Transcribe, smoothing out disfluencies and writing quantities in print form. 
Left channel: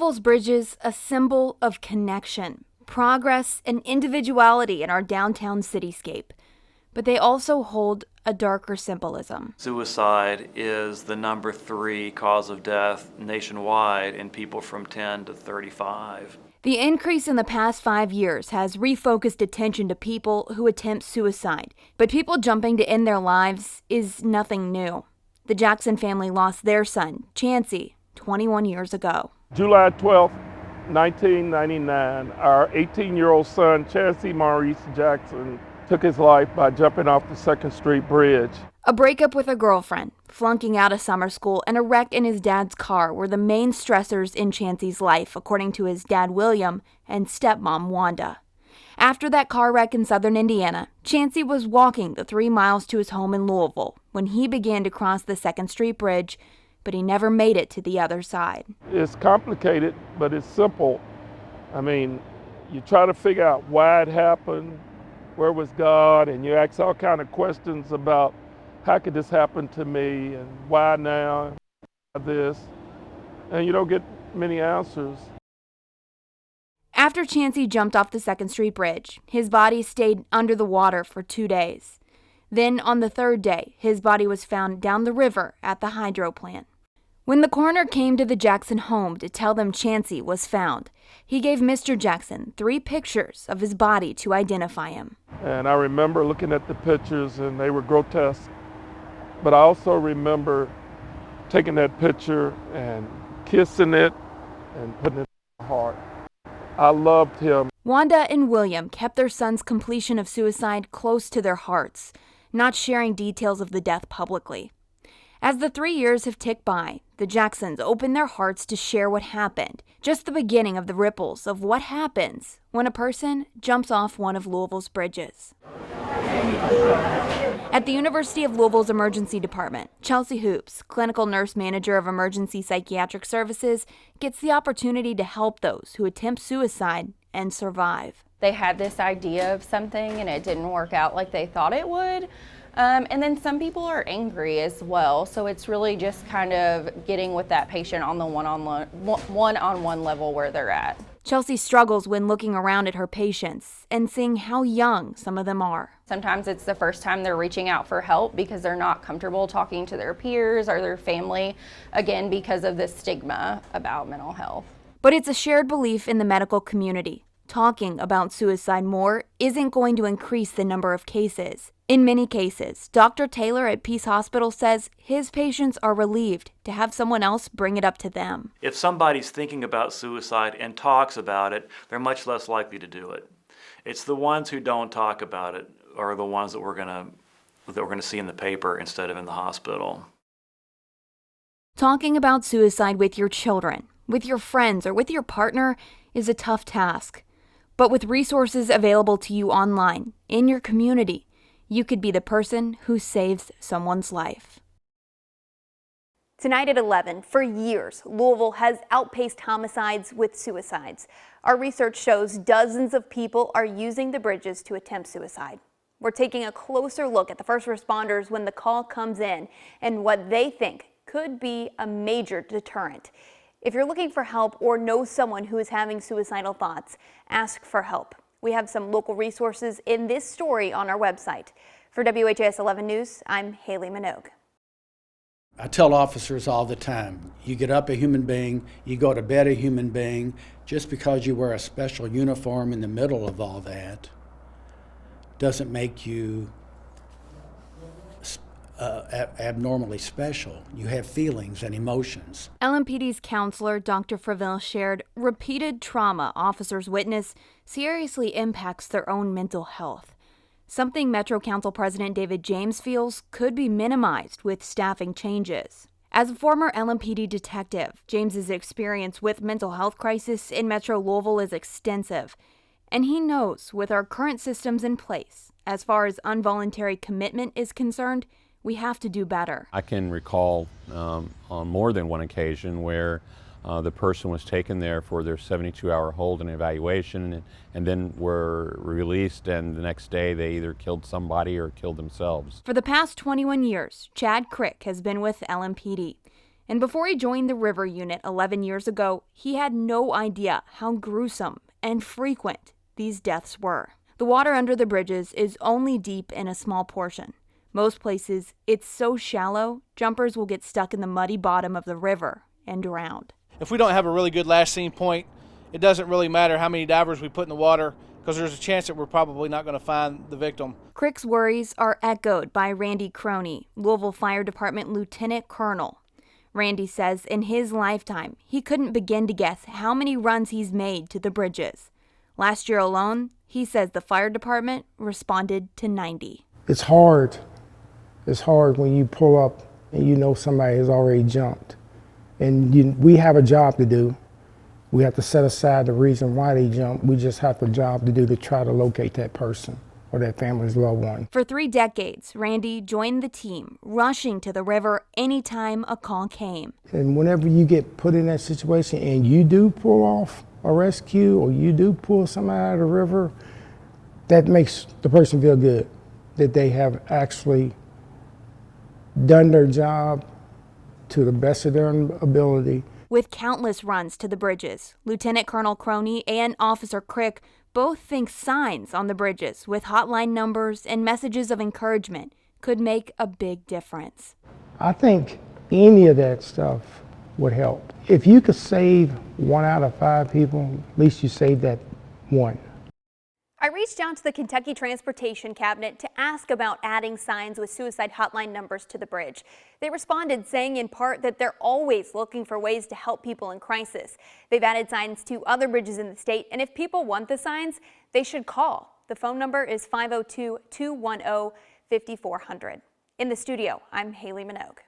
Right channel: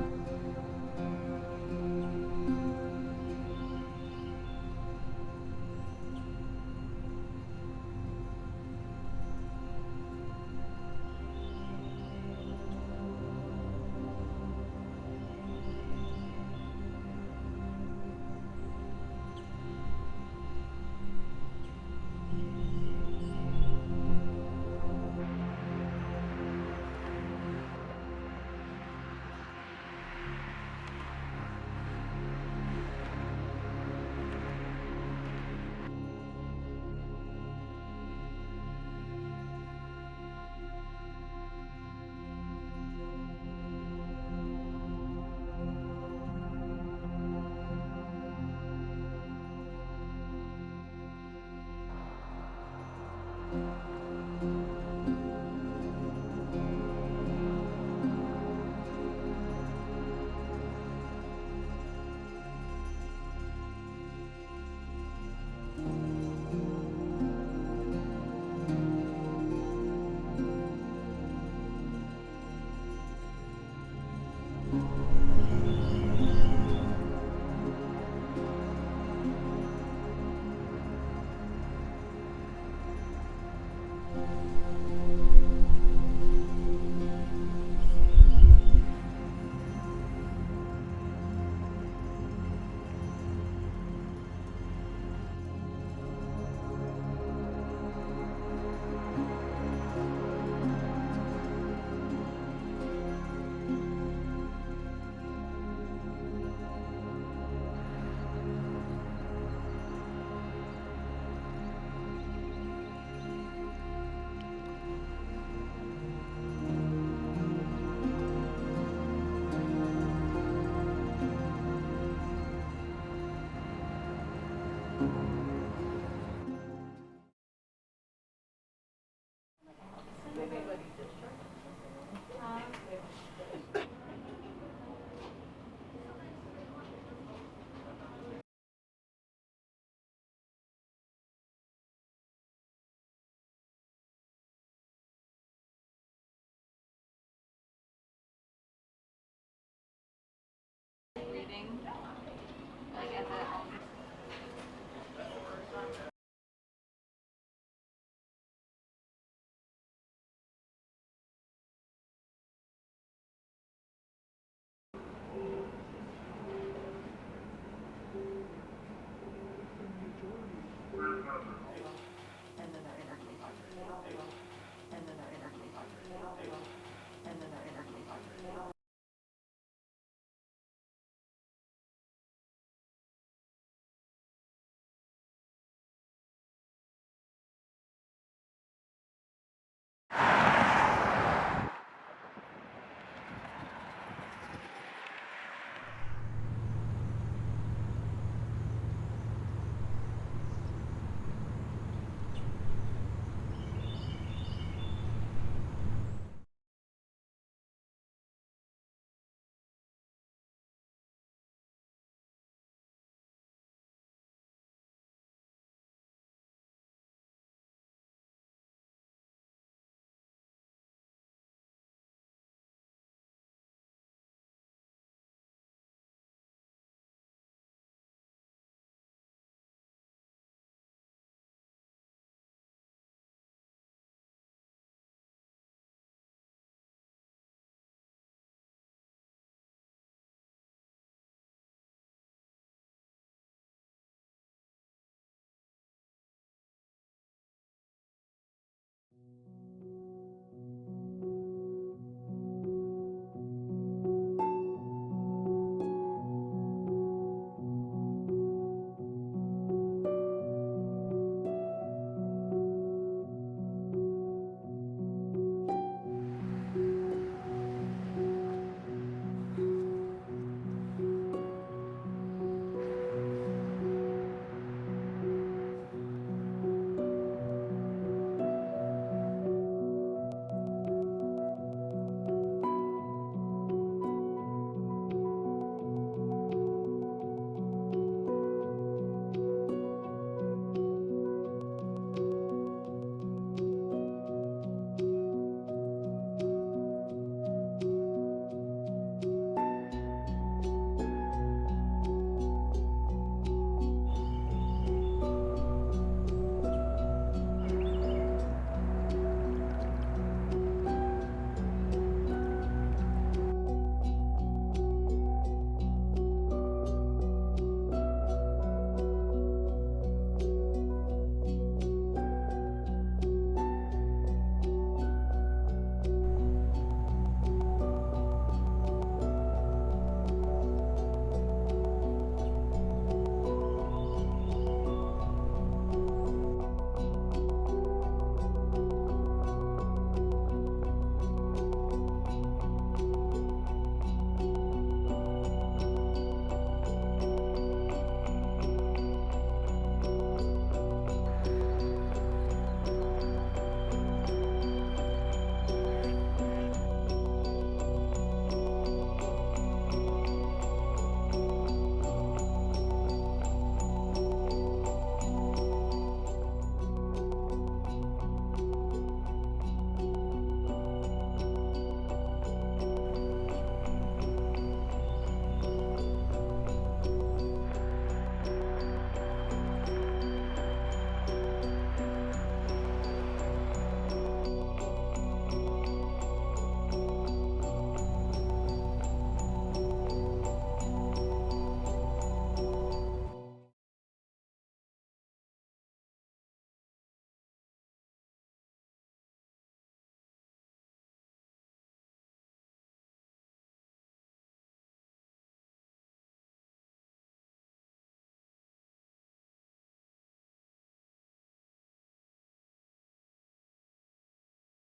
Louisville's bridges, a symbol of connection, progress, and individuality in our downtown cityscape. But they also hold a darker symbolism. Suicide is the number 3 cause of death nationwide in people from 10 to 35. The increase in the past 5 years has refocused attention to people who attempt suicide, but people jumping to end their lives is nothing new. The Jackson family lost their son, Chancey, 21 years ago. July 12, 1999, our 18-year-old son, Chancey Maurice Jackson, took his life by jumping off the 2nd Street Bridge. A breakup with a girlfriend, flunking out of summer school, and a wreck in his dad's car were the main stressors in Chancey's life, according to his dad, William, and stepmom, Wanda. After that car wreck in southern Indiana, Chancey was walking the 3 miles to his home in Louisville when he began to cross the 2nd Street Bridge, but he never made it to the other side. It's complicated, but it's simple. I mean, you try to figure out why it happened, where was God, and you ask all kind of questions about how could this happen to me, and why now, this, and you don't get many answers. After Chancey jumped off the 2nd Street Bridge, his body stayed under the water for 2 days. Then, on the 3rd day, his body was found down the river at the hydro plant. When the coroner came to the Jackson home to tell them Chancey was found, he gave Mr. Jackson 3 pictures of his body to identify him. And I remember looking at the pictures and they were grotesque. But I also remember taking that picture and kissing it and putting it in my heart. I loved him. Wanda and William kept their son's completion of suicide close to their hearts, not sharing details of the death publicly. As the 3 years have ticked by, the Jacksons opened their hearts to share what happened, just the beginning of the ripples of what happens when a person jumps off one of Louisville's bridges. At the University of Louisville's emergency department, Chelsea Hoops, clinical nurse manager of emergency psychiatric services, gets the opportunity to help those who attempt suicide and survive. They had this idea of something and it didn't work out like they thought it would. And then some people are angry as well, so it's really just kind of getting with that patient on the one-on-one level where they're at. Chelsea struggles when looking around at her patients and seeing how young some of them are. Sometimes it's the first time they're reaching out for help because they're not comfortable talking to their peers or their family, again, because of this stigma about mental health. But it's a shared belief in the medical community. Talking about suicide more isn't going to increase the number of cases. In many cases, Dr. Taylor at Peace Hospital says his patients are relieved to have someone else bring it up to them. If somebody's thinking about suicide and talks about it, they're much less likely to do it. It's the ones who don't talk about it are the ones that we're going to see in the paper instead of in the hospital. Talking about suicide with your children, with your friends, or with your partner is a tough task. But with resources available to you online, in your community, you could be the person who saves someone's life. Tonight at 11, for years, Louisville has outpaced homicides with suicides. Our research shows dozens of people are using the bridges to attempt suicide. We're taking a closer look at the first responders when the call comes in and what they think could be a major deterrent. If you're looking for help or know someone who is having suicidal thoughts, ask for help. We have some local resources in this story on our website. For WHAS 11 News, I'm Haley Minogue. I tell officers all the time, you get up a human being, you go to bed a human being. Just because you wear a special uniform in the middle of all that doesn't make you abnormally special. You have feelings and emotions. LMPD's counselor, Dr. Freville, shared repeated trauma officers witness seriously impacts their own mental health. Something Metro Council President David James feels could be minimized with staffing changes. As a former LMPD detective, James's experience with mental health crisis in Metro Louisville is extensive. And he knows with our current systems in place, as far as involuntary commitment is concerned, we have to do better. I can recall on more than one occasion where the person was taken there for their 72-hour hold and evaluation and then were released, and the next day they either killed somebody or killed themselves. For the past 21 years, Chad Crick has been with LMPD. And before he joined the River Unit 11 years ago, he had no idea how gruesome and frequent these deaths were. The water under the bridges is only deep in a small portion. Most places, it's so shallow, jumpers will get stuck in the muddy bottom of the river and drown. If we don't have a really good last scene point, it doesn't really matter how many divers we put in the water, because there's a chance that we're probably not going to find the victim. Crick's worries are echoed by Randy Croney, Louisville Fire Department Lieutenant Colonel. Randy says in his lifetime, he couldn't begin to guess how many runs he's made to the bridges. Last year alone, he says the fire department responded to 90. It's hard. It's hard when you pull up and you know somebody has already jumped. And we have a job to do. We have to set aside the reason why they jumped. We just have a job to do to try to locate that person or that family's loved one. For 3 decades, Randy joined the team, rushing to the river anytime a call came. And whenever you get put in that situation and you do pull off a rescue or you do pull somebody out of the river, that makes the person feel good, that they have actually done their job to the best of their ability. With countless runs to the bridges, Lieutenant Colonel Croney and Officer Crick both think signs on the bridges with hotline numbers and messages of encouragement could make a big difference. I think any of that stuff would help. If you could save 1 out of 5 people, at least you saved that one. I reached out to the Kentucky Transportation Cabinet to ask about adding signs with suicide hotline numbers to the bridge. They responded saying in part that they're always looking for ways to help people in crisis. They've added signs to other bridges in the state, and if people want the signs, they should call. The phone number is 502-210-5400. In the studio, I'm Haley Minogue.